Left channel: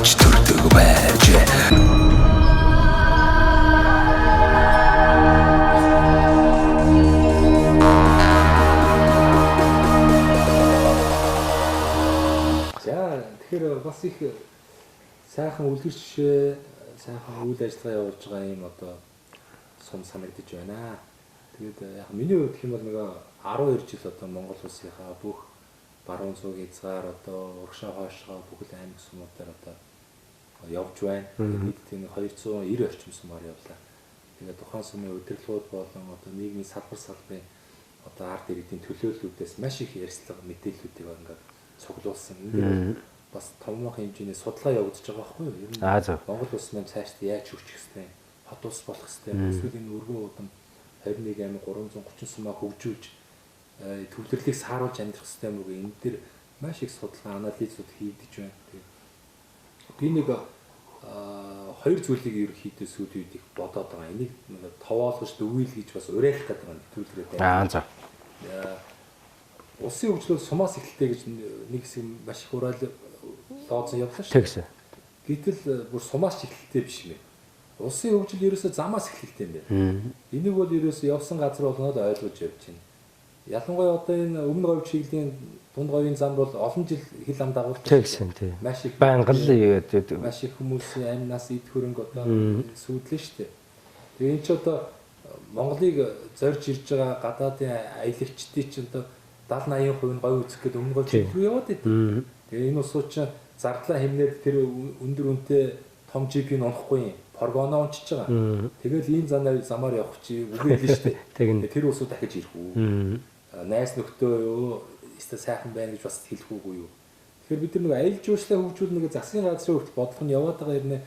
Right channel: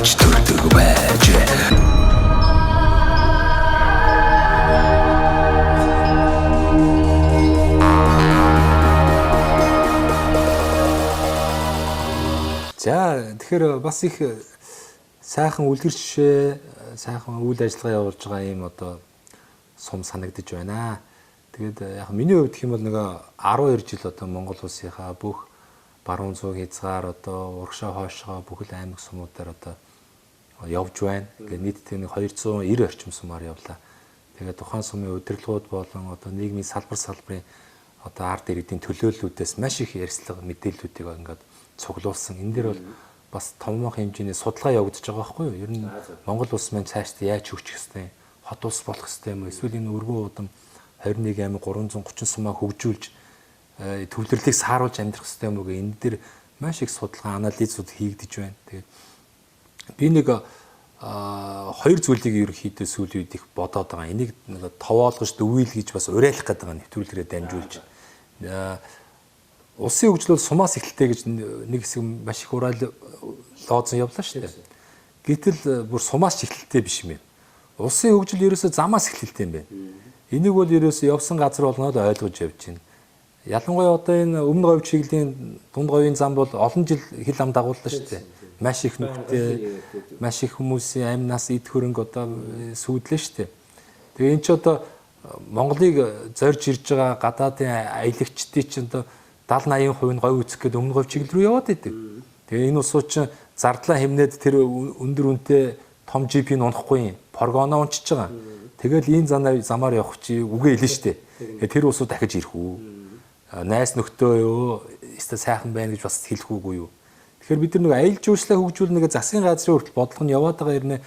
авч төрдөг байж. За тэгэхээр бас их сайхан үлгэр жишээ, сайхан үйл ажиллагаа явуулж байгаа юм одоо сум санагдаж байна. Тэгээд яг миний хувьд гэх юм бол нэг 12 жил одоо Монгол улсынхаа бүх баруун зүүн хязгаар одоо урагшаа хойшоо бүхэл аймаг сумуудаар одоо явж байна. Тэгээд нийтдээ нэг 290 орчим сумаар явлаа. Тэгээд тухайн сумын удирдлагууд болон одоо нийгмийн салбарын одоо ард иргэдийн төлөөллүүдээс маш их ярьцлага мэдээллүүдийг ингээд цуглуулсан. Энэ дээр бол бас томоохон хэмжээний судалгаа явагдаж байгаа байхгүй юу? Ер нь Монгол улс маань цаашдаа яаж хөгжих ёстой, хот улс болох ёстой, эсвэл энэ өргөн удам 21 аймаг 330 сумаа хөгжүүлж төвлөрлийг сааруулж амьдрах ёстой юм уу гэх энэ дээр маш их судалгаа, анализууд хийгдэж байна. Тэгээд би нэг хоёр зүйлийг ерөнхийдөө сүүлийн үед их бодоод байгаа. Энийг товоолгож дөвийл гэж бас уриалах гэдэг байгаа нэвтрүүлгээрээ дамжуулж. Улсын хөгжил бол сумаас эхэлтэй гэж нэг хэсэг маш их ураал лооцсон явлаа шүү дээ. Гэтэл бүр сумаас эхэлтэй биш юм. Улсын хөгжил ерөөсөө замаас эхэлтэй юм байна. Энийг бол ерөөсөө явсан газар болгонод ойлгож явж байна. Ялангуяа одоо энэ өмнө говь чиглэлийн дунд говийн зам бол олон жил хил ам дагуулдаг шүү дээ. Маш их маш их хүмүүсийн амнаас эд хөрөнгө одоо сүйдлээ шүү дээ. Тэгээ эн чи одоо Монголыг зорж ирж байгаа гадаадын аялагчдын чинь одоо 70-80% нь говь үүсэх гээд өмнө говь чиглэл рүү яваад идэв. Тэгээ энэ усууд чинь зардлаа хэмнээд тэр өндөр үнэтэй том GP-г унахгүй юм. Прогоно унчиж байгаа. Тэгэл энэ замаар явах чи үгүй хэлнэ шүү дээ. Тэр усууд дахиж ирэх үү? Найс нөхдөө юу? Эсвэл сайхан байна гэж бас хэлэх үгүй юу? Тэгэхээр бид нар нэг аялал жуулчлалаа хөгжүүл нэг засгийн газрын хүртэл бодлого нь яваад байгаа юм.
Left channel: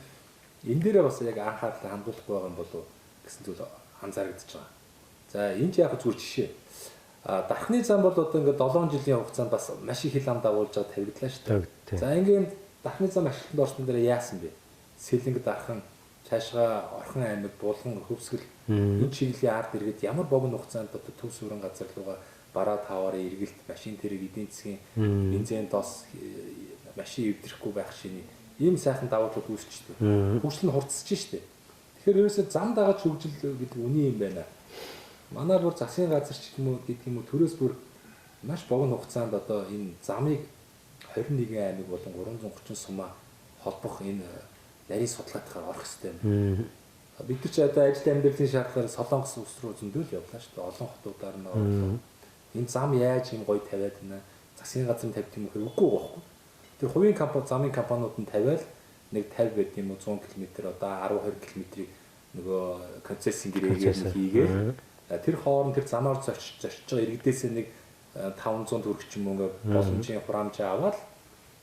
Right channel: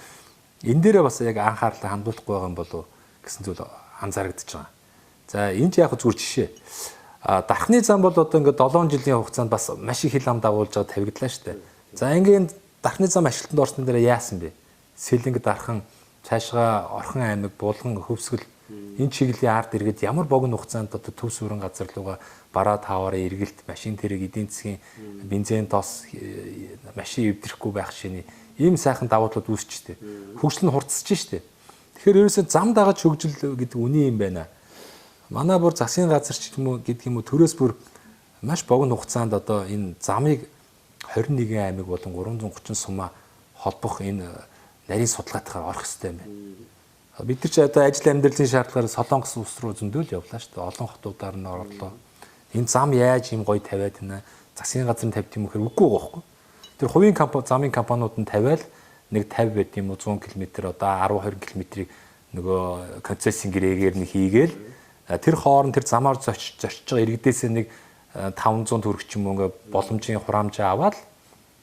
Энэ дээрээ бас яг анхаарлаа хандуулахгүй байгаа юм болов гэсэн зүйл анзаарэгдэж байгаа. За энэ ч яг зүгээр жишээ. Дархны зам бол одоо ингээд 7 жилийн хугацаанд бас маш их хил ам дагуулж байгаа тавигдлаа шүү дээ. За ингээд дархны зам ажилтнанд орсон дээр яасан бэ? Сэлэнг дархан цаашгаа Орхон аймаг, Булган, Хөвсгөл энэ чиглэлийн ард иргэд ямар богино хугацаанд одоо төв суурин газар руугаа бараа тааваараа эргэлт, машин тэрэг, эдийн засгийн бензин тос, машин эвдрэхгүй байх шиний ийм сайхан давуу талууд үүсчихдээ. Хөгжил нь хурцсаж штэ. Тэгэхээр ерөөсөө зам дагаж хөгжил гэдэг үний юм байна. Манай бүр засгийн газар ч юм уу гэдэг юм уу төрөөс бүр маш богино хугацаанд одоо энэ замыг 21 аймаг болон 330 сумаа холбох энэ нарийн судалгаатайгаар орох хэрэгтэй юм. Бид нар ч одоо ажил амьдралын шаардлагаар Солонгос улс руу зөндөөл явлаа шүү дээ. Олон хотуудаар нь орлоо. Энэ зам яаж юм гоё тавиад байна? Засгийн газар нь тавьд юм хэрэг үгүй байхгүй. Тэр хувийн компани, замын компаниуд нь тавиал нэг 50 байт юм уу 100 км одоо 10 20 км-ийг нөгөө концессийн гэрээгээр нэг хийгээл тэр хооронд тэр замаар зочж байгаа иргэдээсээ нэг 500 төгрөг ч юм уу ингээ боломжийн хураамжаа аваад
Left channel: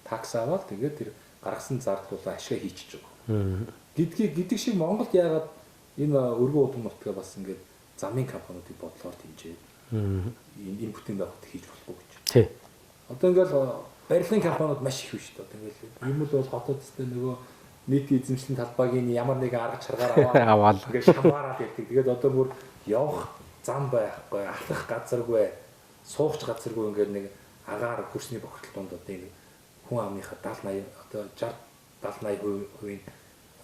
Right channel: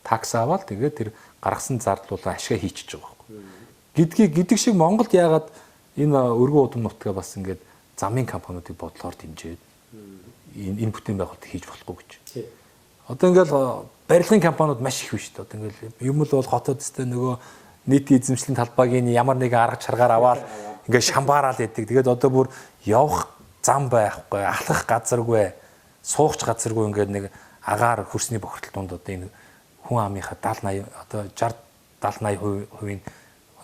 такс аваад тэгээд тэр гаргасан зардлуулаа ашигаа хийчихэж байгаа байхгүй. Гэдэг шиг Монголд яагаад энэ өргөн удам нутгаа бас ингээд замын компаниудыг бодлохоор дэмжээд энэ бүтээн байгуулалт хийж болохгүй гэж. Тий. Одоо ингээд барилгын компаниуд маш их биш дээ. Одоо ингээд юм л бол хотод өстэй нөгөө нийтийн эзэмшлийн талбайг ямар нэг арга чаргаар аваад ингээд шамбаараал яадаг. Тэгээд одоо бүр явах зам байхгүй, алхах газаргүй, суугч газаргүй ингээд нэг агаар хөрсний бохирдол донд одоо энэ хүн амынхаа 70 80 одоо 60 70 80%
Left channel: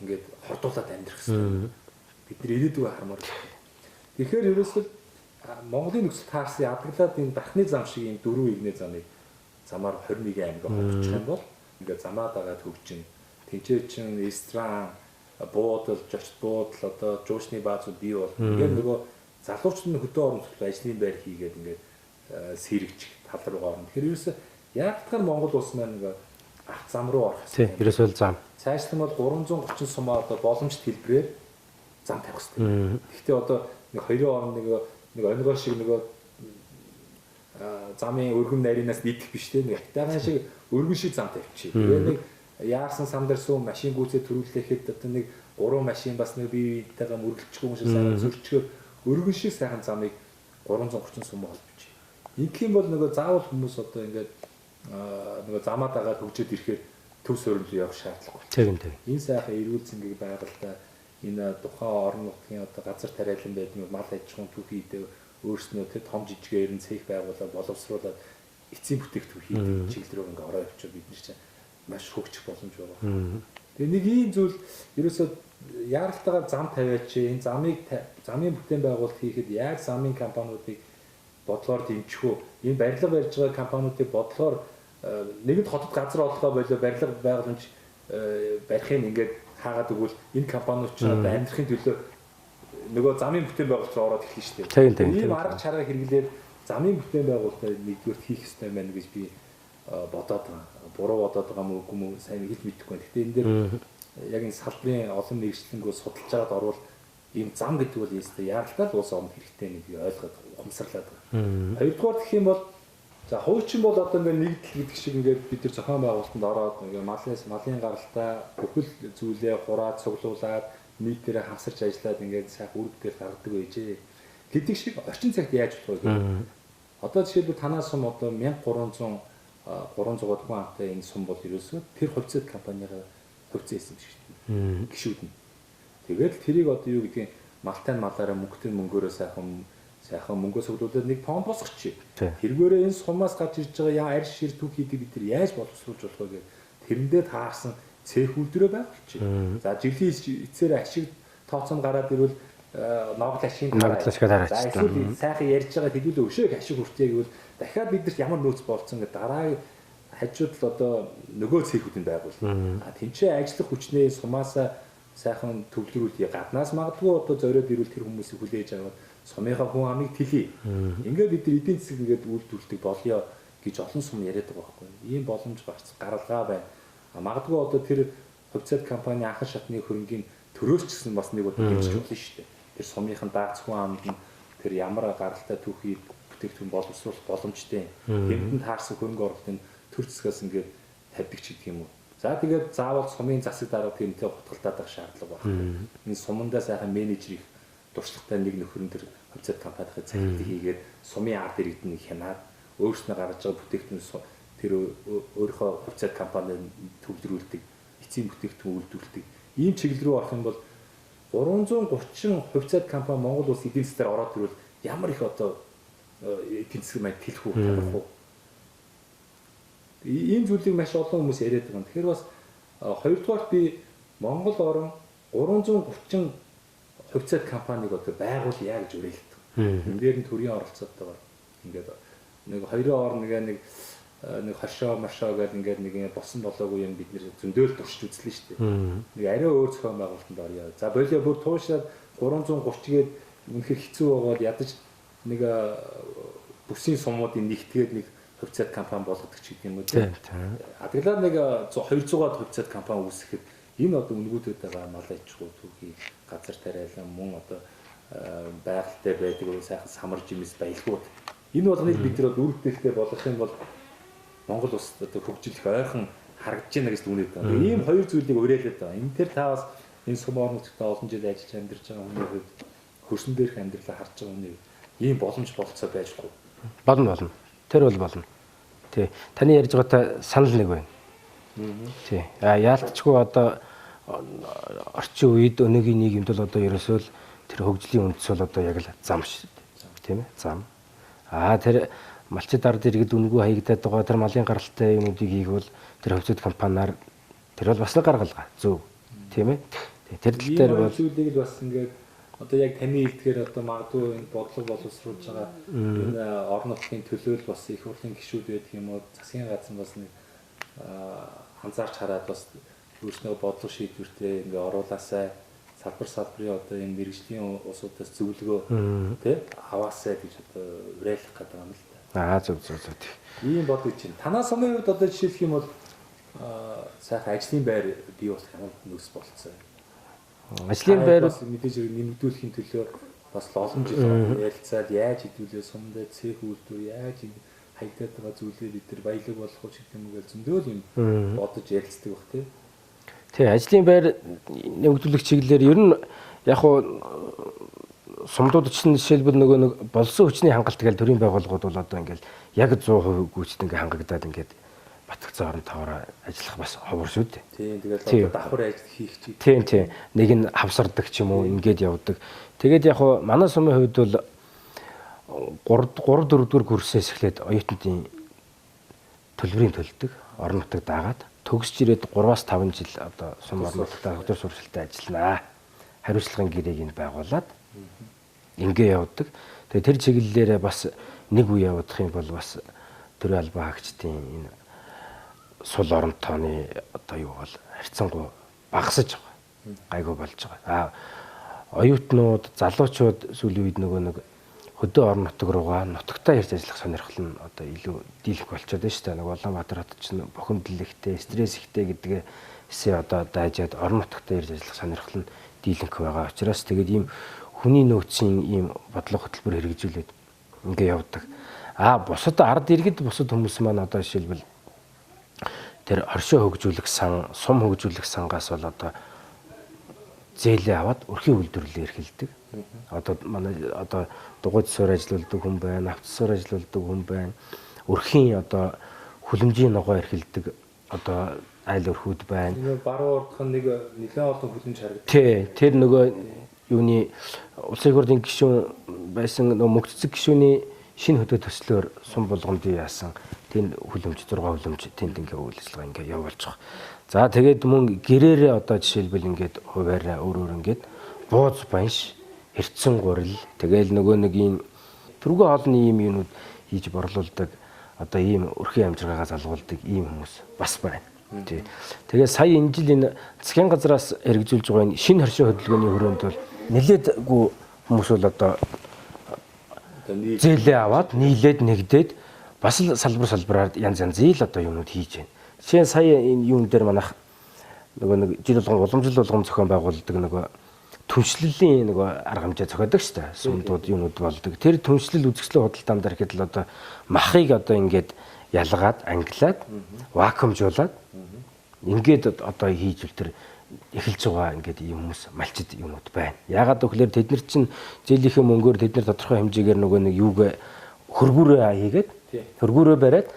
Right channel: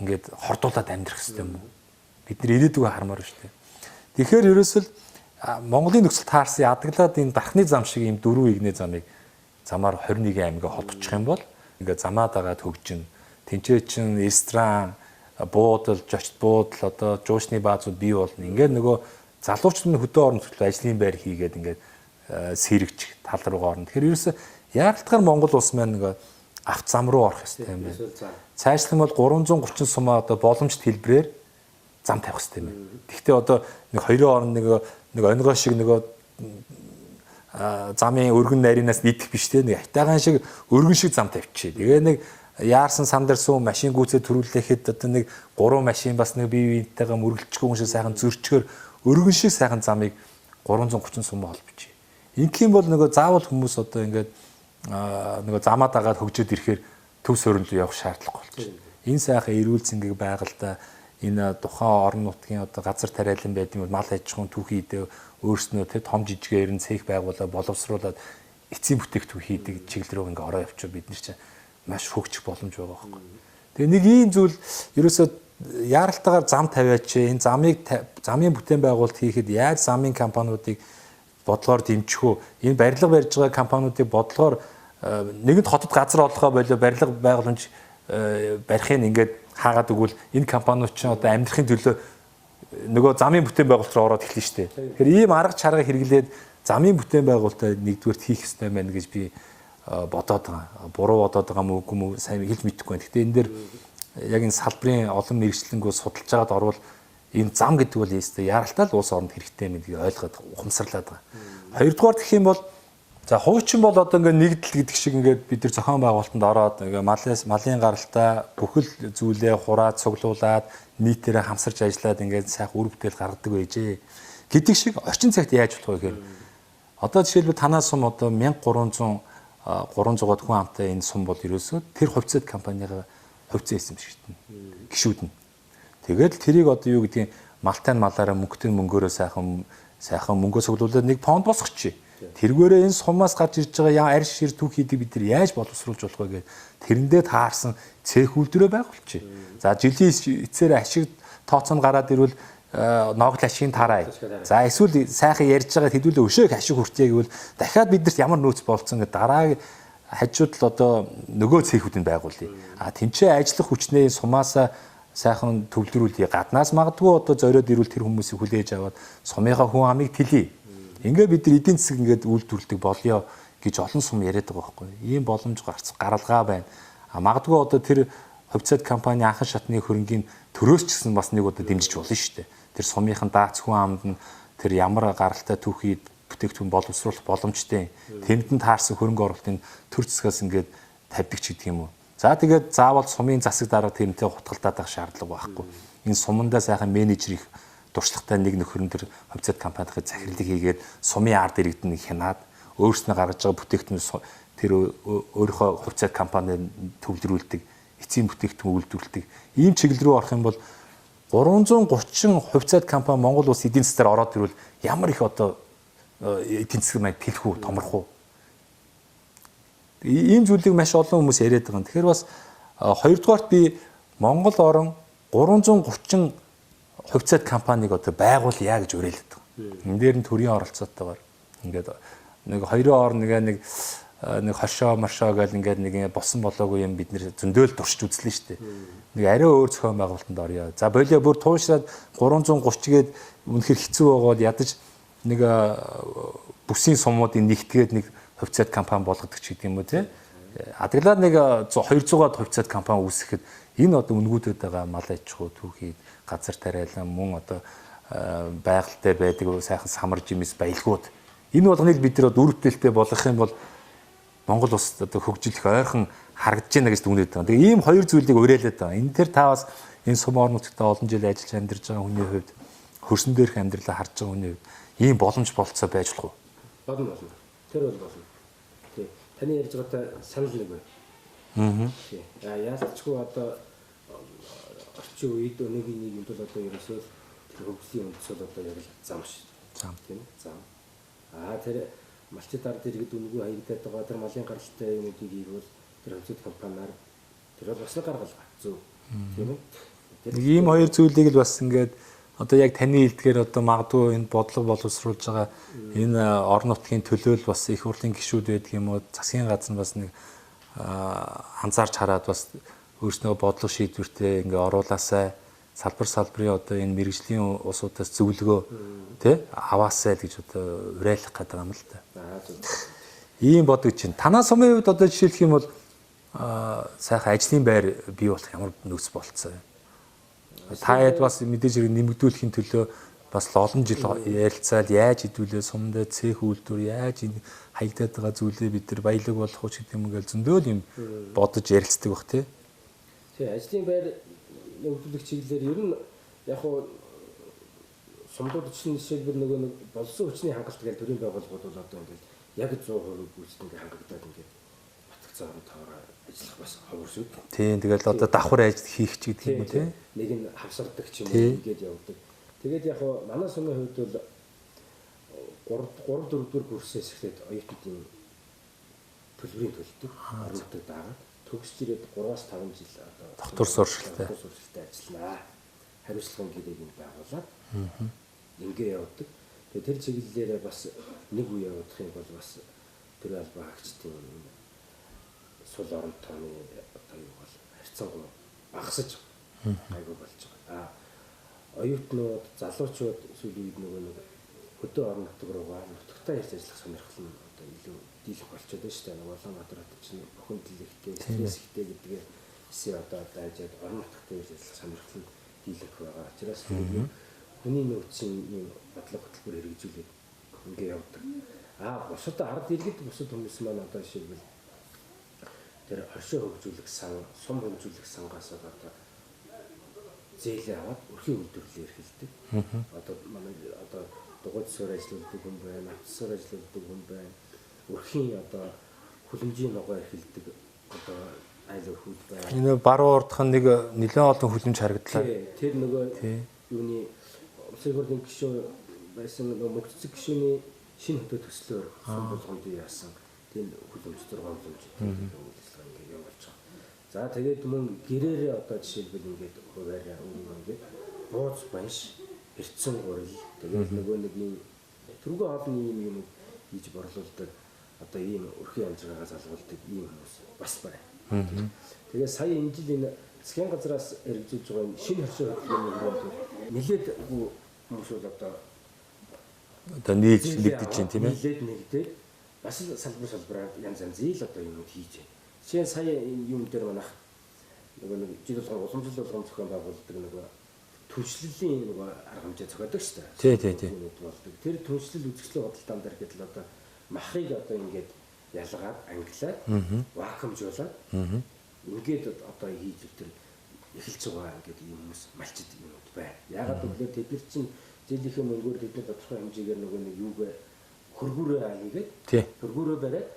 ингээд хордуулаад амьдрах хэрэгтэй. Бид нар ирээдүгөө хармаар байна. Тэгэхээр ерөөсөл Монголын нөхцөл таарсан ядаглаад энэ дархны зам шиг ийм дөрвөн игнэ замыг замаар 21 аймгаа холбочих юм бол ингээд замаа дагаад хөгжин тэнцээ чин ресторан, буудал, жочт буудал одоо жуучны баазууд бий болно. Ингээд нөгөө залуучдын хөдөө орон нутгийн ажлын байр хийгээд ингээд сэрэгч тал руугаа орно. Тэгэхээр ерөөсөө яалтгаар Монгол улс маань нөгөө авт зам руу орох хэрэгтэй. Ерөөсөө зам. Цаашлах юм бол 330 сумаа одоо боломжит хэлбэрээр зам тавих хэрэгтэй. Гэхдээ одоо нэг хоёрын орон нэг онгой шиг нөгөө замын өргөн нарийнаас нийтэх биш те нэг хайтагаан шиг өргөн шиг зам тавьчих. Тэгээ нэг яарсан сандар суу машин гүйцээ төрүүлэхэд одоо нэг 3 машин бас нэг бие биентэйгээ мөргөлчихгүй юм шиг сайхан зөрчгөр өргөн шиг сайхан замыг 330 сум холбочих. Инх юм бол нөгөө заавал хүмүүс одоо ингээд нөгөө замаа дагаад хөгжөөд ирэхээр төв суурилд явах шаардлагагүй болчих. Энэ сайхан эрүүл цэнгийг байгальтаа энэ тухайн орон нутгийн одоо газар тариалан байдгийн бол мал аж ахуйн түүхий дэ өөрснөө тэ том жижигээр нь цех байгуулаад боловсруулаад эцсийн бүтээгдэхүүн хийдэг чиглэл рүү ингээ ороо явчих бид нар чинь маш хөгжих боломж байгаа байхгүй. Тэгээ нэг ийм зүйл ерөөсөө яаралтайгаар зам тавиач энэ замын бүтээн байгуулалт хийхэд яаж замын компаниудыг бодлогоор дэмжих үү? Энэ барилга барьж байгаа компаниудыг бодлогоор нэгэнт хотод газар олгохоо болоо барилга байгууламж барихыг ингээд хаагаад өгвөл энэ компаниуд ч одоо амьдрахын төлөө нөгөө замын бүтээн байгуулалт руу ороод эхэлнэ шүү дээ. Тэр ийм арга чарга хэрэглээд замын бүтээн байгуулалтаа нэгдүгээр хийх ёстой байна гэж би бодоод байгаа. Буруу бодоод байгаа мó үгүй мó сайн хэлж мэдэхгүй байна. Гэхдээ энэ дээр яг энэ салбарын олон мэрэгчлэнгөө судалж байгаад орвол энэ зам гэдэг бол яастай яралтай л улс оронд хэрэгтэй нэг ойлгоод ухамсарлаад байгаа. Хоёрдугаар гэх юм бол за хуучин бол одоо ингээд нэгдэл гэдэг шиг ингээд бид нар зохион байгуулалтанд ороод ингээд малын гаралтай бүхэл зүйлээ хураад цуглуулад нийтээрээ хамсарч ажиллаад ингээд сайхан үр бүтээл гаргадаг байжээ. Гэдэг шиг орчин цагт яаж болох вэ гэхээр одоо жишээлбэл танаа сум одоо 1300 300-аад хүн амтай энэ сум бол ерөөсөө тэр хувьцаат компанийн хувьцаа эзэмшигдэнэ. Гишүүд нь. Тэгээд тэрийг одоо юу гэдгийг малтай малаараа мөнгөтэй мөнгөөрөө сайхан мөнгөө цуглуулад нэг фонд босгочих. Тэргээрээ энэ сумаас гарч ирж байгаа арь шир түүх хийдэг бид нар яаж боловсруулж болох вэ гэдэг тэрэндээ таарсан цех үйлдвэрээ байгуулчих. За жилийн эцээр ашиг тооцоонд гараад ирвэл ноогл ашигын тараа. За эсвэл сайхан ярьж байгаа хэдүүлээ өшөөг ашиг хүртье гэвэл дахиад бидэрт ямар нөөц болцсон гэдэг дараагийн хажууд л одоо нөгөө цехүүдийг байгуулъя. А тэнцээ ажиллах хүчнээ сумаасаа сайхан төвлөрүүлье. Гаднаас магадгүй одоо зориод ирвэл тэр хүмүүсийг хүлээж аваад сумынхаа хүн амыг тэлье. Ингээд бид нар эдийн засаг ингээд үйлдвэрлэдэг болёо гэж олон сум яриад байгаа байхгүй. Ийм боломж гаргалгаа байна. А магадгүй одоо тэр хувьцаат компани анхан шатны хөрөнгийн төрөөс ч гэсэн бас нэг удаа дэмжиж болно шүү дээ. Тэр сумынхан дац хүн амд нь тэр ямар гаралтай түүхий бүтээгдэхүүн боловсруулах боломжтой. Тэнд нь таарсан хөрөнгө оруулалтын төр засгаас ингээд тавьдаг ч гэдэг юм уу. За тэгээд заавал сумын засаг дарга тэрнтэй хутгалтаад авах шаардлага байхгүй. Энэ сумандаа сайхан менежер их туршлагатай нэг нөхөрн төр хувьцаат компанийн захирлыг хийгээд сумын ард иргэдэн хянаад өөрснөө гаргаж байгаа бүтээгдэхүүн тэр өөрийнхөө хувьцаат компанид төвлөрүүлдэг, эцсийн бүтээгдэхүүн үйлдвэрлэдэг. Ийм чиглэл рүү орох юм бол 330 хувьцаат компани Монгол улс эдийн засгаар ороод ирвэл ямар их одоо эдийн засаг маань тэлэх үү, томрох уу? Ийм зүйлийг маш олон хүмүүс яриад байгаа. Тэгэхээр бас хоёрдугаарт би Монгол орон 330 хувьцаат компанийг одоо байгуулъя гэж уриалдаг. Энэ дээр нь төрийн оролцоотойгоор ингээд нэг хоёрын орн нэг хошоо мошоо гэл ингээд нэг босон болоогүй юм бид нэр зөндөөл туршиж үзлээ шүү дээ. Нэг арай өөр зохион байгуулалтанд орё. За болио бүр туушраад 330-гээд үнэхэр хэцүү байгаа бол ядаж нэг бүсийн сумуудын нэгтгээд нэг хувьцаат компани болгодог ч гэдэг юм уу тийм. Адаглаад нэг 200-аад хувьцаат компани үүсгэхэд энэ одоо үнгүүдэд байгаа мал аж ахуй түүхий газар тариалан мөн одоо байгальтай байдаг сайхан самар жимс баялгууд энэ болгоныг бид нар үр бүтээлтэй болгох юм бол Монгол улс одоо хөгжих ойрхон харагдаж байна гэж дүгнээд байгаа. Тэгээ ийм хоёр зүйлийг уриалаад байгаа. Энэ төр та бас энэ сум орон нутагт олон жил ажиллаж амьдарч байгаа хүний хувьд хөрсөн дээрх амьдралаа харж байгаа хүний хувьд ийм боломж болцоо байж болох уу? Болно. Тэр бол болно. Тий. Таны ярьж байгаатай санал нэг байна. Тий. Яалтчгүй одоо орчин үед өнөөгийн нийгэмд бол одоо ерөөсөө л тэр хөгжлийн үндэс бол одоо яг л зам тийм ээ. Зам. Тэр малчид ард иргэд үнгүү хаягдаад байгаа тэр малын гаралтай юмнуудыг хийгвэл тэр хувьцаат компаниар тэр бол бас л гаргалгаа. Зөв. Тийм ээ. Тэр ийм хоёр зүйлийг л бас ингээд одоо яг таны хэлдгээр одоо магадгүй энэ бодлого боловсруулж байгаа энэ орон нутгийн төлөөл бас их хурлын гишүүд байдаг юм уу засгийн газар нь бас нэг анзаарч хараад бас өөрснөө бодлого шийдвэртээ ингээ оруулаасай салбарын одоо энэ мэрэгжлийн улсуудаас зөвлөгөө тий аваасай гэж одоо уриалах гэдэг юм л та. Зөв. Ийм бодож чинь танаа сумын хувьд одоо жишээлх юм бол сайхан ажлын байр бий болох ямар нөхцөл болцсон юм. Ажлын байр бас мэдээж хэрэг нэмэгдүүлэхийн төлөө бас олон жил ярилцаад яаж хэдүүлээ сумдаа цех үйлдвэр яаж энэ хаягдаад байгаа зүйлээ бид нар баялаг болох уу гэдэг юм ингээл зөндөөл юм бодож ярилцдаг бах тий. Тий, ажлын байр нэмэгдүүлэх чиглэлээр ер нь яг хуу сумдууд чинь жишээлбэл нөгөө нэг болсон хүчний хангалт гэж төрийн байгууллагууд бол одоо ингээл яг 100% гүйцэд ингээ хангагдаад ингээд батгцсан орон тоороо ажиллах бас ховор шүү дээ. Тийм тэгэл одоо давхар ажил хийх ч гэдэг. Тийм. Нэг нь хавсардаг ч юм уу ингээд явдаг. Тэгээд яг хуу манай сумын хувьд бол 3 4 дугаар курсээс эхлээд оюутнуудын төлбөрийн төлдөг орон нутаг даагаад төгсж ирээд 3-5 жил одоо Дотор сургалтад ажилланаа. Хариуцлагын гэрээг нь байгуулад ингээ явдаг. Тэгээ тэр чиглэлээрээ бас нэг үе явуудах юм бол бас төрийн албан хаагчдын энэ сул оронтооны одоо юу бол харьцангуй багасж байгаа. Айгүй болж байгаа. Оюутнууд, залуучууд сүүлийн үед нөгөө нэг хөдөө орон нутаг руугаа нутагтаа ирж ажиллах сонирхол нь одоо илүү дийлэх болчиход байна шүү дээ. Нэг Улаанбаатар хот чинь бухимдал ихтэй, стресс ихтэй гэдгээсээ одоо дайжаад орон нутагтаа ирж ажиллах сонирхол нь дийлэнх байгаа учраас тэгээд ийм хүний нөөцийн ийм бодлого хөтөлбөр хэрэгжүүлээд ингээ явдаг. Бусад ард иргэд бусад хүмүүс маань одоо жишээлбэл тэр оршоо хөгжүүлэх сан, сум хөгжүүлэх сангаас бол одоо зээлээ аваад өрхийн үйлдвэрлэлээр эрхэлдэг. Одоо манай одоо дугуйд засвар ажиллаулдаг хүн байна, автосвар ажиллаулдаг хүн байна. Өрхийн одоо хүлэмжийн ногоо эрхэлдэг одоо айл өрхүүд байна. Энэ баруун урдхан нэг нэлээд олон хүлэмж харагдав. Тий, тэр нөгөө юуны улсын их хурлын гишүүн байсан нөгөө мөгццөг гишүүний шинэ хөдөө төслөөр сум болгонд яасан. Тэнд хүлэмж 6 хүлэмж тэнд ингээ үйл ажиллагаа ингээ явуулж байгаа. За тэгээд мөн гэрээрээ одоо жишээлбэл ингээд хуваараа өөр ингээд бууз банш, хэрцэн гурил тэгээд нөгөө нэг ийм түргэн хоолны ийм юмнууд хийж борлуулдаг одоо ийм өрхийн амжиргаагаа залгуулдаг ийм хүмүүс бас байна. Тэгээд сая энэ жил энэ засгийн газраас хэрэгжүүлж байгаа энэ шинэ хоршоо хөдөлгөөний хүрээнд бол нэлээдгүй хүмүүс бол одоо зээлээ аваад нийлээд нэгдээд бас л салбараар янз янзын л одоо юмнууд хийж байна. Жишээ нь сая энэ юун дээр манайх нөгөө нэг жил болгон уламжлал болгон зохион байгуулдаг нөгөө түншлэлийн нөгөө арга хэмжээ зохиодог шүү дээ. Сумдууд юмнууд болдог. Тэр түншлэл үзэсгэлэн худалдаан дээр ихэд л одоо махыг одоо ингээд ялгаад англиад вакуумжуулаад ингээд одоо хийж үл тэр эхэлж байгаа ингээд ийм хүмүүс малчид юмуд байна. Яагаад гэвэл тэд нар чинь зээлийнхээ мөнгөөр тэд нар тодорхой хэмжээгээр нөгөө нэг юуг хөргүүрээ хийгээд хөргүүрээ бариад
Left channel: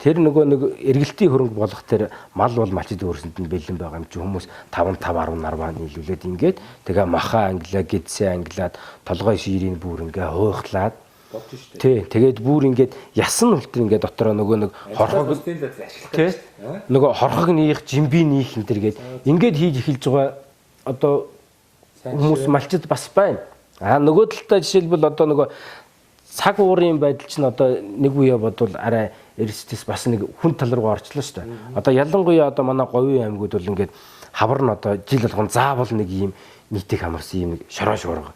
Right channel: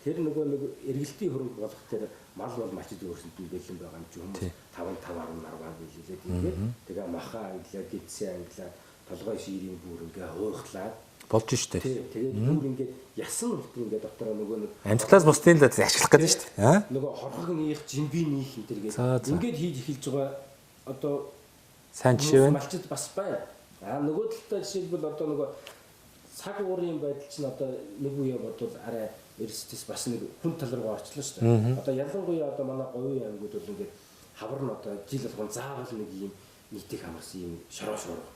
тэр нөгөө нэг эргэлтийн хөрөнгө болох тэр мал бол малчид өөрсөнд нь бэлэн байгаа юм чи хүмүүс 5 10 нийлүүлээд ингээд тэгээ маха англиа гэдсээ англиад толгой ширийн бүр ингээ хуйхлаад болж штэ. Тий, тэгээд бүр ингээд ясан үлтэр ингээд дотороо нөгөө нэг хорхоос бусдын л ашиглах гэдэг штэ. Нөгөө хорхог нийх, жимби нийх энэ төргээд ингээд хийж эхэлж байгаа одоо сайн хүмүүс малчид бас байна. Нөгөө талдаа жишээлбэл одоо нөгөө цаг уурын байдал чинь одоо нэг үе бодвол арай эрсдэс бас нэг хүн тал руу орчлоо шүү дээ. Одоо ялангуяа одоо манай говийн аймагуд бол ингээд хавар нь одоо жил болгон заавал нэг ийм нийтийг хамарсан ийм нэг шороо шуурга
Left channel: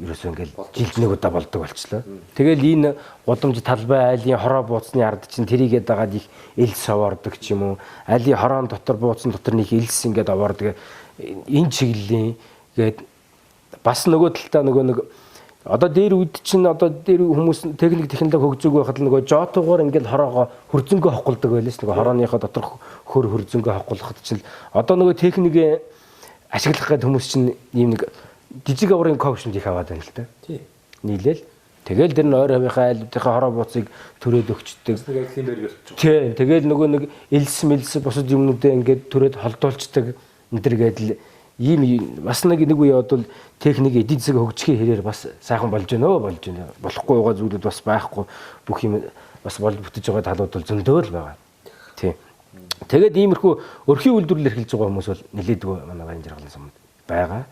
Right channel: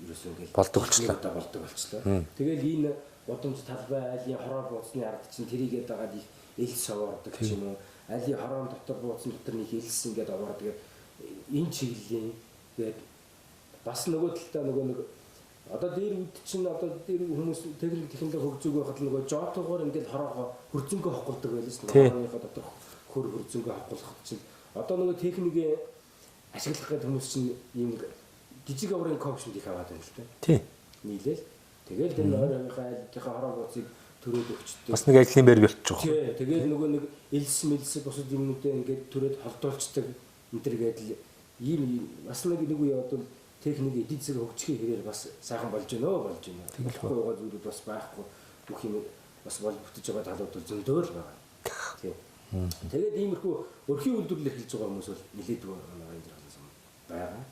ерөөсөө ингээд жилчнийг удаа болдог болчлоо. Тэгэл энэ гудамж талбай айлын хороо бууцны ард чинь тэрийгээд дагаад их элс овоордог ч юм уу. Айлын хороон дотор бууцсан дотор нэг элс ингээд овоордог. Энэ чиглэлийн гээд бас нөгөө талтаа нөгөө нэг одоо дээр үед чинь одоо дээр хүмүүс техник технологи хөгжөөг байхад л нөгөө жотогоор ингээд хороогоо хөрзөнгөө хоқолдог байлээс нөгөө хорооныхоо доторх хөр хөрзөнгөө хоқолоход чинь одоо нөгөө техникээ ашиглах гэдэг хүмүүс чинь ийм нэг жижиг аврын коучнд их аваад байна л да. Тий. Нийлээл. Тэгэл тэр нь ойр хавийнхаа айлуудынхаа хороо бууцыг төрөөд өгчдөг. Бас нэг ажлын байр болчих. Тий. Тэгэл нөгөө нэг элс мэлс бусад юмнуудаа ингээд төрөөд холдуулцдаг энэ төр гэдэл ийм бас нэг үе бодвол техник эдийн засаг хөгжихийн хэрээр бас сайхан болж байна. Болохгүй байгаа зүйлүүд бас байхгүй бүх юм бас болж бүтэж байгаа талууд бол зөндөө л байгаа. Тийм. Тэгээд иймэрхүү өрхийн үйлдвэрлэл эрхэлж байгаа хүмүүс бол нэлээдгүй манай Баян жаргалан сумд байгаа.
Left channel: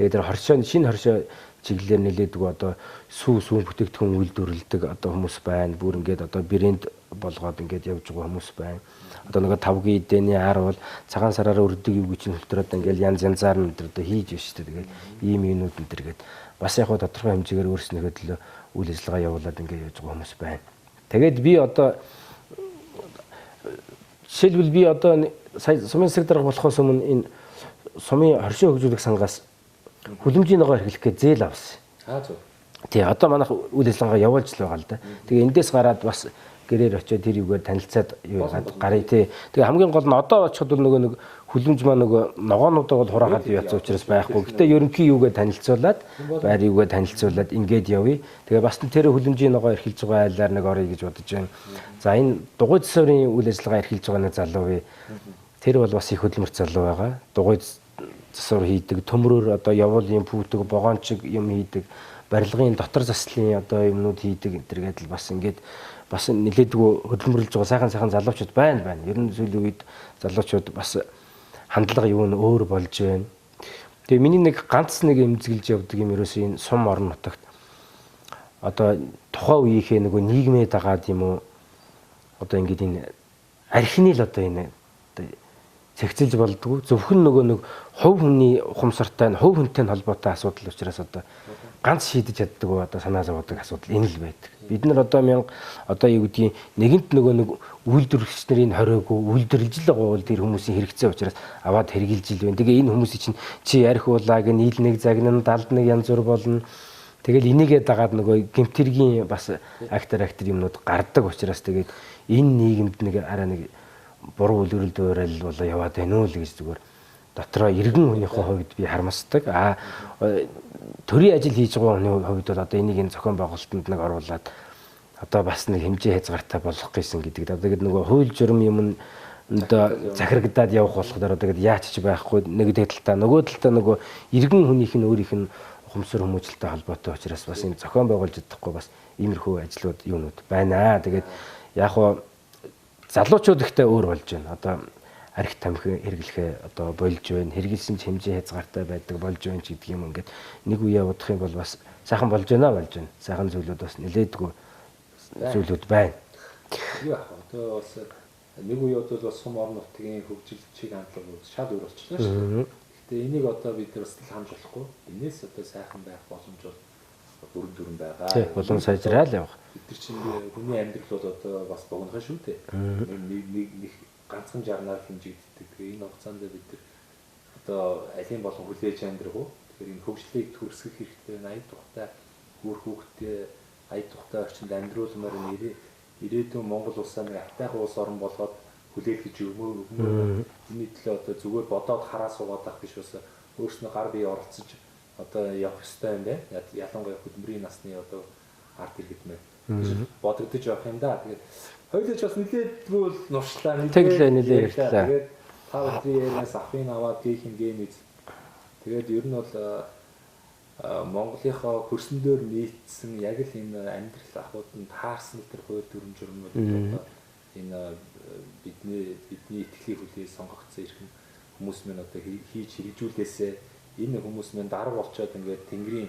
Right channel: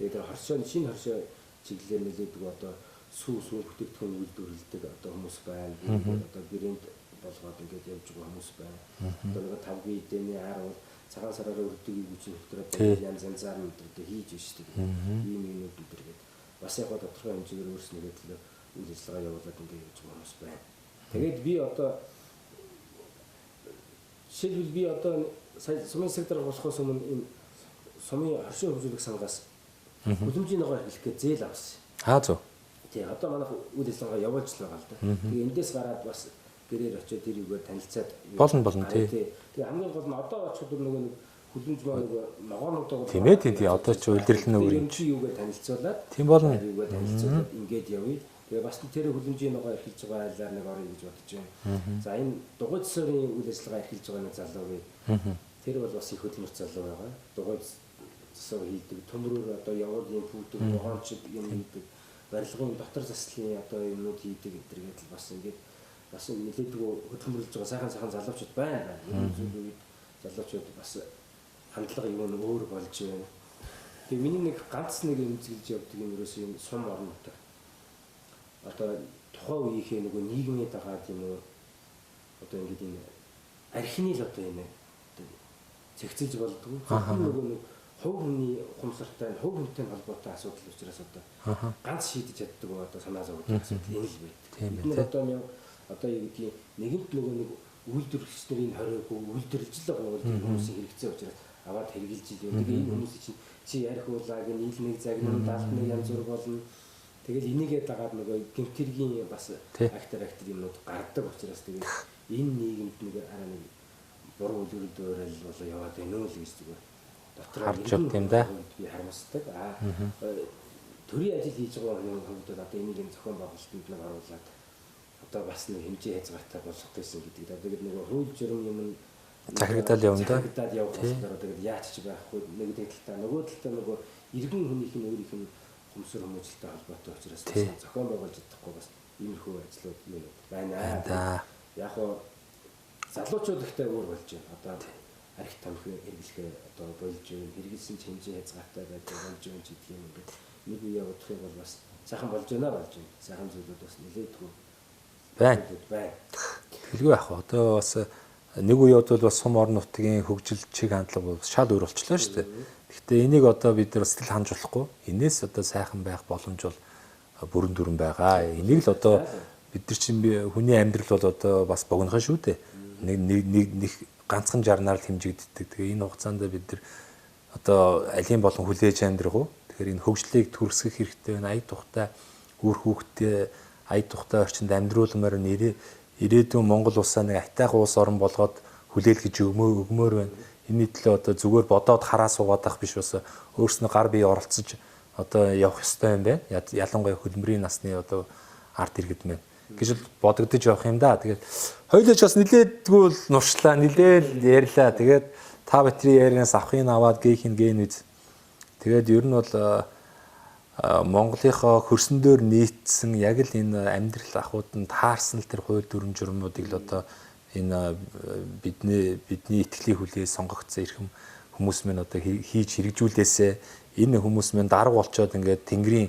Тэгээд тэр хоршоо шинэ хоршоо чиглэлээр нэлээдгүй одоо сүүн бүтээгдэхүүн үйлдвэрлэдэг одоо хүмүүс байна. Бүр ингээд одоо брэнд болгоод ингээд явж байгаа хүмүүс байна. Одоо нэг 5G эдэний ар бол цагаан сараараа өрдөг юу гэж нөлтөрөөд ингээд янз янзаар нь өдр одоо хийж байна шүү дээ. Тэгээд ийм юмнууд өдргээд бас яг хөө тодорхой хэмжээгээр өөрснийхөө төлөө үйл ажиллагаа явуулаад ингээд явж байгаа хүмүүс байна. Тэгээд би одоо жишээлбэл би одоо сая сумын засаг дарга болохоос өмнө энэ сумын хоршоо хөгжүүлэх сангаас хүлэмжийн ногоо эрхлэх гэж зээл авсан. Зөв. Тий, одоо манайх үйл ажиллагаа явуулж л байгаа л да. Тэгээ эндээс гараад бас гэрээр очиод тэр юугаар танилцаад юу гарыг тий. Тэгээ хамгийн гол нь одоо очиход нөгөө нэг хүлэмж маа нөгөө ногоонуудаа бол хураагаад явж учраас байхгүй. Гэтэ ерөнхий юугаар танилцуулаад байр юугаар танилцуулаад ингээд явъя. Тэгээ бас тэр хүлэмжийн ногоо эрхэлж байгаа айлаар нэг орё гэж бодож байна. За энэ дугуйд засварын үйл ажиллагаа эрхэлж байгаа нэг залуу бий. Тэр бол бас их хөдөлмөрт залуу байгаа. Дугуйд засвар хийдэг, төмрөөр одоо явуулын пүүдэг, богоончиг юм хийдэг, барилгын дотор заслын одоо юмнууд хийдэг энэ төр гэдэл бас ингээд бас нэлээдгүй хөдөлмөрлөж байгаа сайхан залуучууд байна. Ер нь сүүлийн үед залуучууд бас хандлага юу нь өөр болж байна. Тэгээ миний нэг ганц нэг эмзэглэж явдаг юм ерөөсөө энэ сум орон нутагт одоо тухайн үеийнхээ нөгөө нийгмээ дагаад юм уу одоо ингээд энэ архины л одоо энэ цэгцэлж болдгоо зөвхөн нөгөө нэг хувь хүний ухамсартай хувь хүнтэй холбоотой асуудал учраас одоо ганц шийдэж чаддаг одоо санаа зовоодаг асуудал энэ л байдаг. Бид нар одоо одоо юу гэдгийг нэгэнт нөгөө нэг үйлдвэрлэгч нарын хориогүй үйлдвэрлэж л байгаа бол тэр хүмүүсийн хэрэгцээ учраас аваад хэрглэж ил байна. Тэгээ энэ хүмүүсийн чинь чи ярих уулаа гэн ил нэг загнан далд нэг янз бүр болно. Тэгэл энийгээ дагаад нөгөө гэмтэргийн бас актер юмнууд гардаг учраас тэгээд энэ нийгэмд нэг арай нэг буруу үлгэрэл дуурал болоо яваад байна уу л гэж зүгээр дотроо иргэн хүний хувьд би харамсдаг. Төрийн ажил хийж байгаа хүний хувьд бол одоо энийг энэ зохион байгуулалтанд нэг оруулаад одоо бас нэг хэмжээ хязгаартай болох гэсэн гэдэг. Тэгээд нөгөө хууль журам юм одоо захирагдаад явах болохоор тэгээд яач ч байхгүй нэг талдаа нөгөө талдаа нөгөө иргэн хүнийх нь өөрийнх нь ухамсар хүмүүжлэлтэй холбоотой учраас бас энэ зохион байгуулж чадахгүй бас иймэрхүү ажлууд юмнууд байна. Тэгээд яг хоо залуучууд ихтэй өөр болж байна. Одоо арх тамхи хэрэглэхээ одоо болж байна. Хэрэгэлсэн ч хэмжээ хязгаартай байдаг болж байна ч гэдэг юм ингээд нэг үе явуудах юм бол бас сайхан болж байна. Сайхан зүйлүүд бас нэлээдгүй зүйлүүд байна. Юу яах вэ? Одоо бас нэг үеуд бол бас сум орон нутгийн хөгжил чиг хандлага бол шал өөр болчихлоо шүү дээ. Гэхдээ энийг одоо бид нар сэтгэл ханж болохгүй. Энээс одоо сайхан байх боломж бол бүрэн дүрэн байгаа. Энийг сайжраал явах. Бид нар чинь хүний амьдрал бол одоо бас богинохон шүү дээ. Нэг ганцхан жарнаар л хэмжигддэг. Тэгээ энэ хугацаанд бид нар одоо алийн болон хүлээж амьдрах уу? Тэгэхээр энэ хөгжлийг төрсгөх хэрэгтэй байна. Ая тухтай үр хүүхдээ ая тухтай орчинд амьдруулмаар ирээдүйн Монгол улсаа нэг айтайхан улс орн болгоод хүлээлгэж өгмөр байна. Энэний төлөө одоо зүгээр бодоод хараа суугаад ах биш бас өөрснөө гар бие оролцож одоо явах ёстой юм байна. Ялангуяа хөдөлмөрийн насны одоо арт иргэд мэн гэж бодогдож явах юм да. Тэгээд хоёулаа ч бас нилээдгүй бол нуршлаа, нилээд ярьлаа. Тэгээд та бидний ярианаас авахыг аваад гээхийн гэн үз. Тэгээд ер нь бол Монголынхоо хөрсөн дөр нийцсэн яг л энэ амьдрал ахуйд нь таарсан л тэр хууль дүрм журмнуудыг л одоо энэ бидний итгэлийн хүлээ сонгогдсон ирхэм хүмүүс мэн одоо хийж хэрэгжүүлээсээ энэ хүмүүс мэн дарга болчоод ингээд тэнгэрийн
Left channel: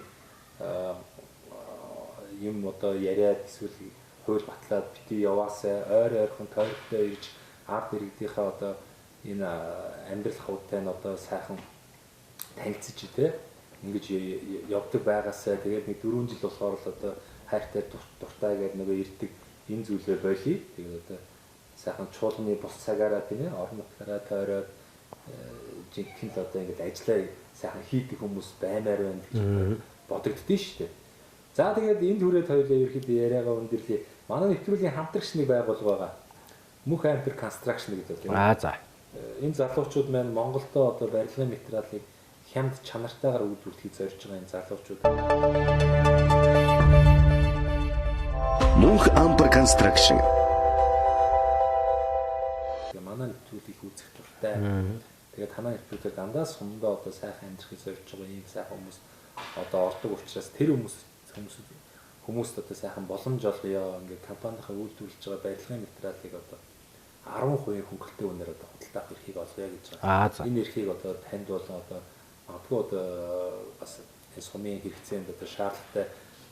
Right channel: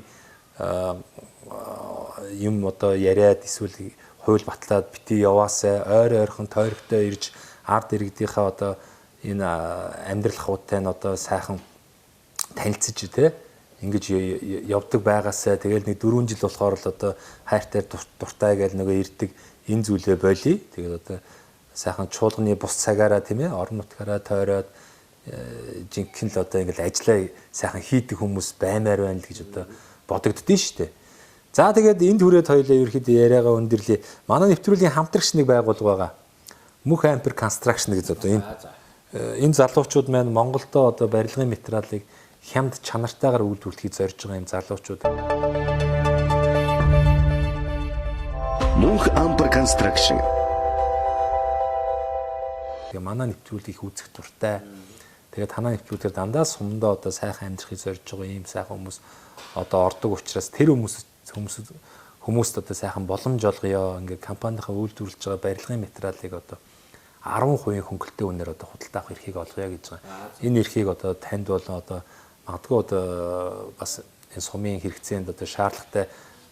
юм одоо яриад эсвэл хууль батлаад бити яваасаа ойр ойрхон тойрогтой ирж ард иргэдийнхаа одоо энэ амьдрал хавуудтай нь одоо сайхан танилцж тий ингэж явдаг байгаасаа тэгэл нэг 4 жил болохоор л одоо хайртай дуртай гэж нөгөө ирдэг энэ зүйлээ болий. Тэгээд одоо сайхан чуулганы бус цагаараа тийм ээ орон нутгаараа тойроод жинхэнэ л одоо ингээл ажиллаа сайхан хийдэг хүмүүс баймаар байна л гэж одоо бодогддөө шүү дээ. За тэгээд энд хүрээд хоёулаа ерөөхдөө яриагаа өндөрлөе. Манай нэвтрүүлгийн хамтрагч нэг байгууллага байгаа. Мөнх Ампер Construction гэж одоо энэ залуучууд маань Монголдо одоо барилгын материалыг хямд чанартайгаар үйлдвэрлэхийг зорж байгаа энэ залуучууд. Мөнх Ампер Construction. Тэгээ манай нэвтрүүлгийг үзэх дуртай. Тэгээд танаа нэвтрүүлгээр дандаа сумдаа одоо сайхан амьдрахыг зорж байгаа ийм сайхан хүмүүс одоо ордог учраас тэр хүмүүст одоо сайхан боломж олгоё. Ингээ компанийнхаа үйлдвэрлэж байгаа барилгын материалыг одоо 10% хөнгөлтэй үнээр одоо худалдаах эрхийг олгоё гэж байгаа. Энэ эрхийг одоо танд бол одоо магадгүй одоо бас энэ сумын хэрэгцээнд одоо шаардлагатай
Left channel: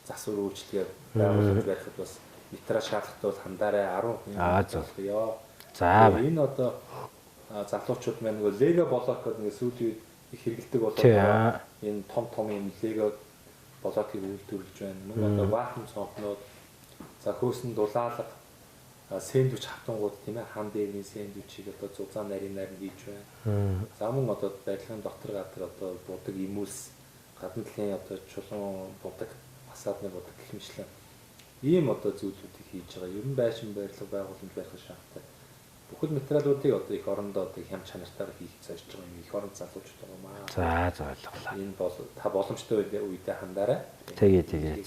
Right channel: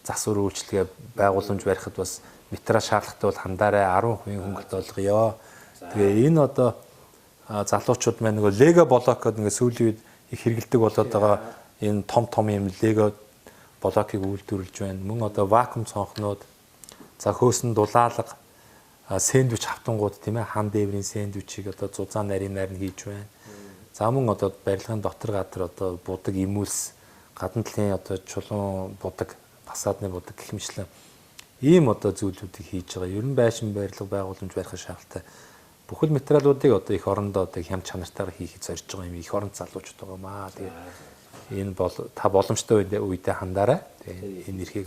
засвар үйлчилгээ байгууламж барихад бас материал шаардлагатай бол хандаарай 10% хөнгөлт олгоё. За энэ одоо залуучууд маань нөгөө лего блок гэдэг ингээ сүүлийн үед их хэрэгэлдэг болоод байгаа энэ том юм лего блокийг үйлдвэрлэж байна. Мөн одоо вакуум цонхнууд за хөөсөн дулаалга сэндвич хавтангууд тийм ээ хам дээврийн сэндвичийг одоо зузаан нарийнаар нь хийж байна. За мөн одоо барилгын дотор гадар одоо будаг имүүлс гадна талын одоо чулуун будаг фасадны будаг гэх мэтлэн ийм одоо зүйлүүдийг хийж байгаа. Ер нь байшин барилга байгууламж барих шаардлагатай бүхэл материалуудыг одоо их орондоо одоо хямд чанартайгаар хийхийг зорж байгаа юм их оронд залуучууд байгаа маа. За ойлголоо. Энэ бол та боломжтой үедээ хандаарай. Тэгээд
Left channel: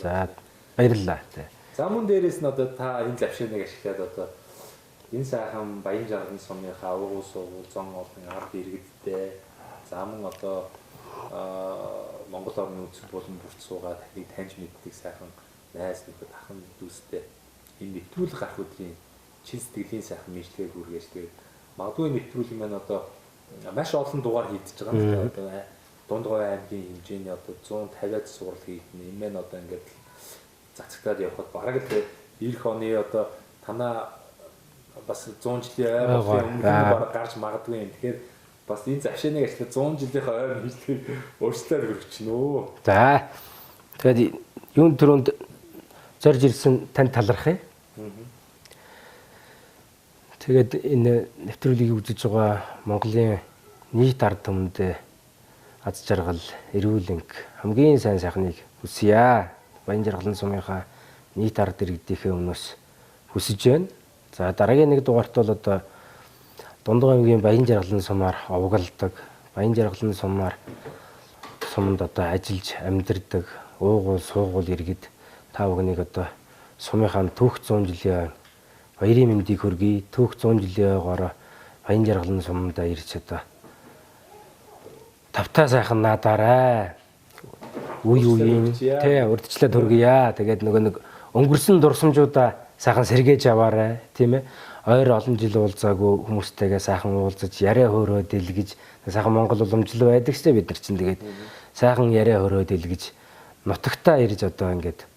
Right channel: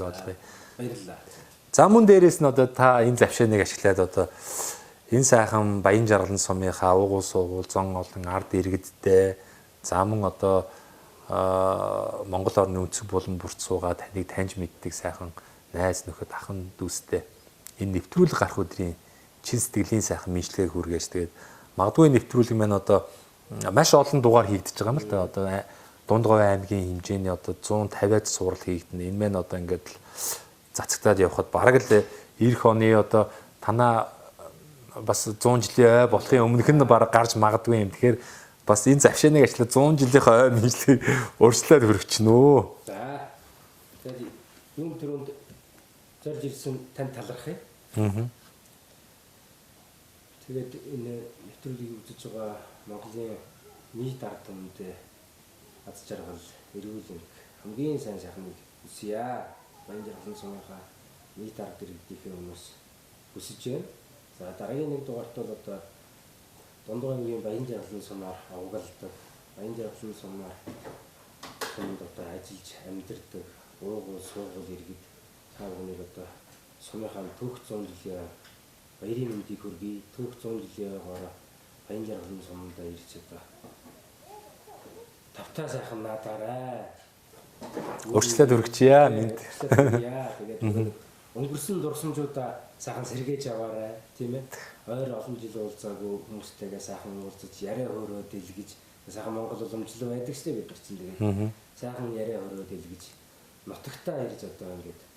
баярлалаа. За мөн дээрээс нь одоо та энэ завшааныг ашиглаад одоо энэ сайхан Баян Жаргалан сумынхаа уугуул суугуул зон олон ард иргэдтэй за мөн одоо Монгол орны өнцөг булан бүрт суугаад таныг таньж мэддэг сайхан найз нөхөд ахын дүүстэй энэ нэвтрүүлэг гарах өдрийн чин сэтгэлийн сайхан мэдлэгийг хүргээж тэгээд магадгүй нэвтрүүлэг маань одоо маш олон дугаар хийгдэж байгаа юм л да. Одоо Дундгой аймгийн хэмжээний одоо 150-аад сурал хийгдэнэ. Энэ маань одоо ингээд цацагтаад явхад бараг л эх оны одоо танаа бас 100 жилийн ой болохын өмнөх нь бараг гарч магадгүй юм. Тэгэхээр бас энэ завшааныг ажиллаад 100 жилийнхаа ой мэдлэгийг өөрчлөлт хүргэчихнэ. За. Тэгээд юун төрөнд зорж ирсэн тань талархъя. Тэгээд энэ нэвтрүүлгийг үзэж байгаа Монголын нийт ард түмэнд аз жаргал, эрүүл энх хамгийн сайн сайхныг хүсье. Баян жаргалан сумынхаа нийт ард иргэдийнхээ өмнөөс хүсэж байна. За дараагийн нэг дугаарт бол одоо Дундгой аймгийн Баян жаргалан сумаар овоглдог, Баян жаргалан сумаар суманд одоо ажиллаж амьдардаг, уугуул, суугуул иргэд та бүхнийг одоо сумынхаа түүх 100 жилийн баярын мэндийг хүргэе. Түүх 100 жилийн ойгоор Баян жаргалан сумдаа ирж одоо тавтаа сайхан наадаарай. Үргэлжлээд хүргье. Үргэлжлээд хүргье. Тэгээд нөгөө нэг өнгөрсөн дурсамжуудаа сайхан сэргээж аваарай, тийм ээ. Ойр олон жил уулзаагүй хүмүүстэйгээ сайхан уулзаж, яриа хөөрөө дэлгэж, сайхан Монгол уламжлал байдаг ч бид нар чинь тэгээд сайхан яриа хөөрөө дэлгэж, нутагтаа ирж одоо ингээд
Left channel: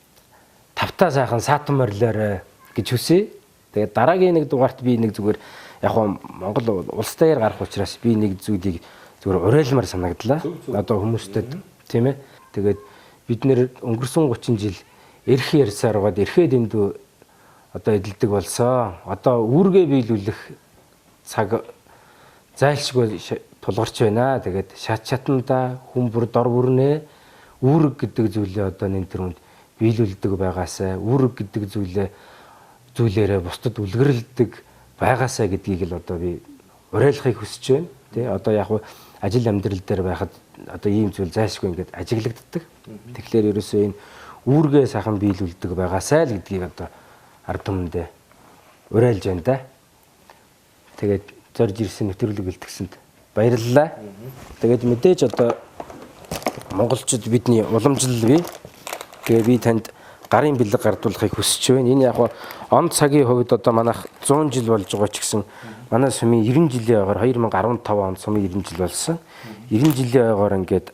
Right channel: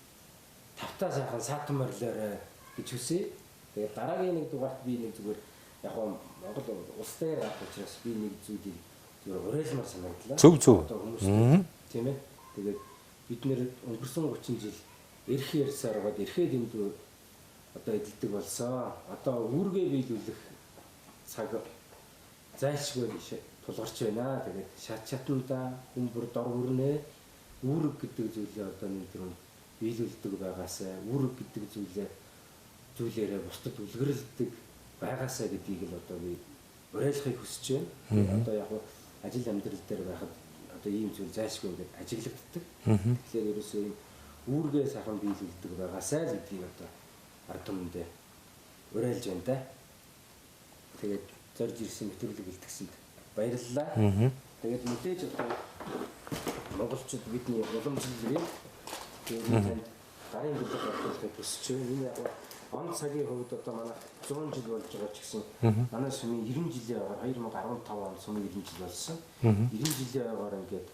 тавтаа сайхан саатан морилоорой гэж хүсье. Тэгээд дараагийн нэг дугаарт би нэг зүгээр яг хоо Монгол улс дээр гарах учраас би нэг зүйлийг зүгээр уриалмаар санагдлаа. Одоо хүмүүстэй тийм ээ. Тэгээд бид нэр өнгөрсөн 30 жил эрх ярьсаар гоод эрхээ дэндүү одоо эдэлдэг болсон. Одоо үүргээ биелүүлэх цаг зайлшгүй тулгарч байна. Тэгээд шат шатанда хүн бүр дор бүрнээ үүрэг гэдэг зүйлээ одоо энэ төрөнд биелүүлдэг байгаасаа, үүрэг гэдэг зүйлээрээ бусдад үлгэрлдэг байгаасаа гэдгийг л одоо би уриалахыг хүсэж байна. Тэ одоо яг ажил амьдрал дээр байхад одоо ийм зүйл зайлшгүй ингээд ажиглагддаг. Тэгэхээр ерөөсөө энэ үүргээ сайхан биелүүлдэг байгаасаа л гэдгийг одоо ард түмэндээ уриалж байна да. Тэгээд зорж ирсэн нэвтрүүлэг бэлтгэсэнд баярлалаа. Тэгээд мэдээж одоо монголчууд бидний уламжлал бий. Тэгээд би танд гарын бэлэг гардуулахыг хүсэж байна. Энэ яг он цагийн хувьд одоо манайх 100 жил болж байгаа ч гэсэн манай сумын 90 жилийн ойгоор 2015 онд сумын 90 жил болсон. 90 жилийн ойгоор ингээд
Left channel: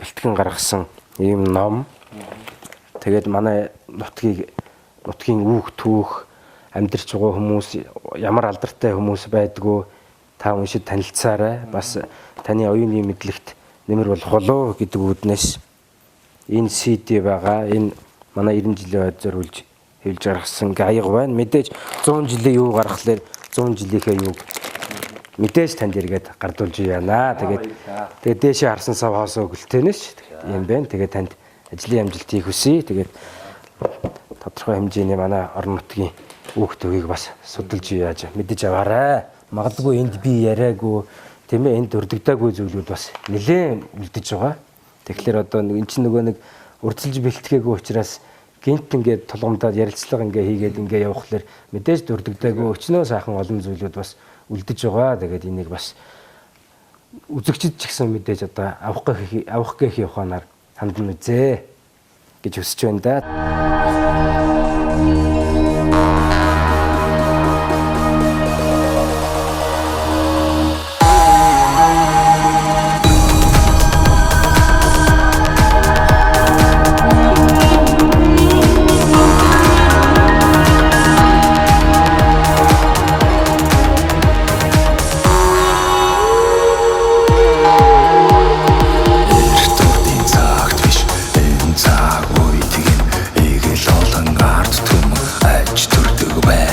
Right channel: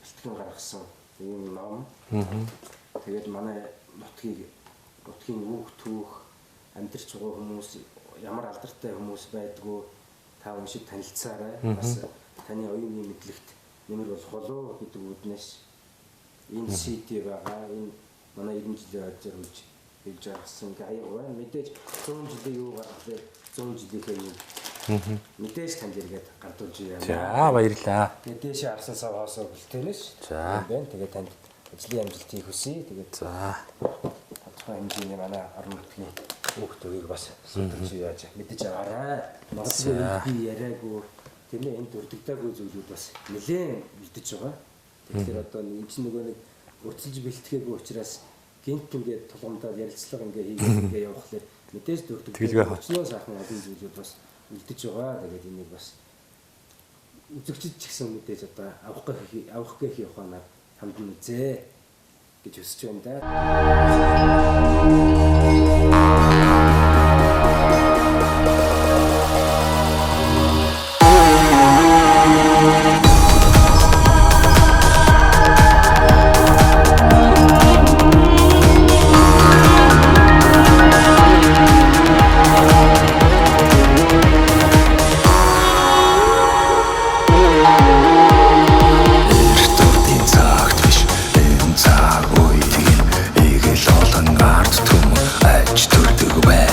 бэлтгэн гаргасан ийм ном. Тэгээд манай нутгийн үүх түүх амьдарч байгаа хүмүүс ямар алдартай хүмүүс байдгүй та уншид танилцаарай. Бас таны оюуны мэдлэгт нэмэр болох болоо гэдэг үүднээс энэ CD байгаа. Энэ манай 90 жилийн ойд зориулж хэлж гаргасан гаяг байна. Мэдээж 100 жилийн юу гаргахлаар 100 жилийнхээ юуг мэдээж танд эргээд гардуулж яана. Баярлалаа. Тэгээд дээшээ харсан сав хоосоо өгөлтөнөш юм байна. Тэгээд танд ажлын амжилтыг хүсье. Тэгээд тодорхой хэмжээний манай орон нутгийн үүх төвийг бас судалж яаж мэдэж аваарай. Магадгүй энд би яриаггүй тийм ээ энд өрдөгдөөгүй зүйлүүд бас нэлээд үлдэж байгаа. Тэгэхээр одоо энэ чинь нөгөө нэг урдчилж бэлтгээгүй учраас гинт ингээд тулгамдаад ярилцлага ингээ хийгээд ингээ явахлаар мэдээж дурддаггүй өчнөө сайхан олон зүйлүүд бас үлдэж байгаа. Тэгээд энийг бас үзэгчд ч гэсэн мэдээж одоо авах гээх яваханаар хандна үзээ гэж хүсэж байна да. Цаг үе тийм эгэл олон ард түмэн аж төрдөг бай.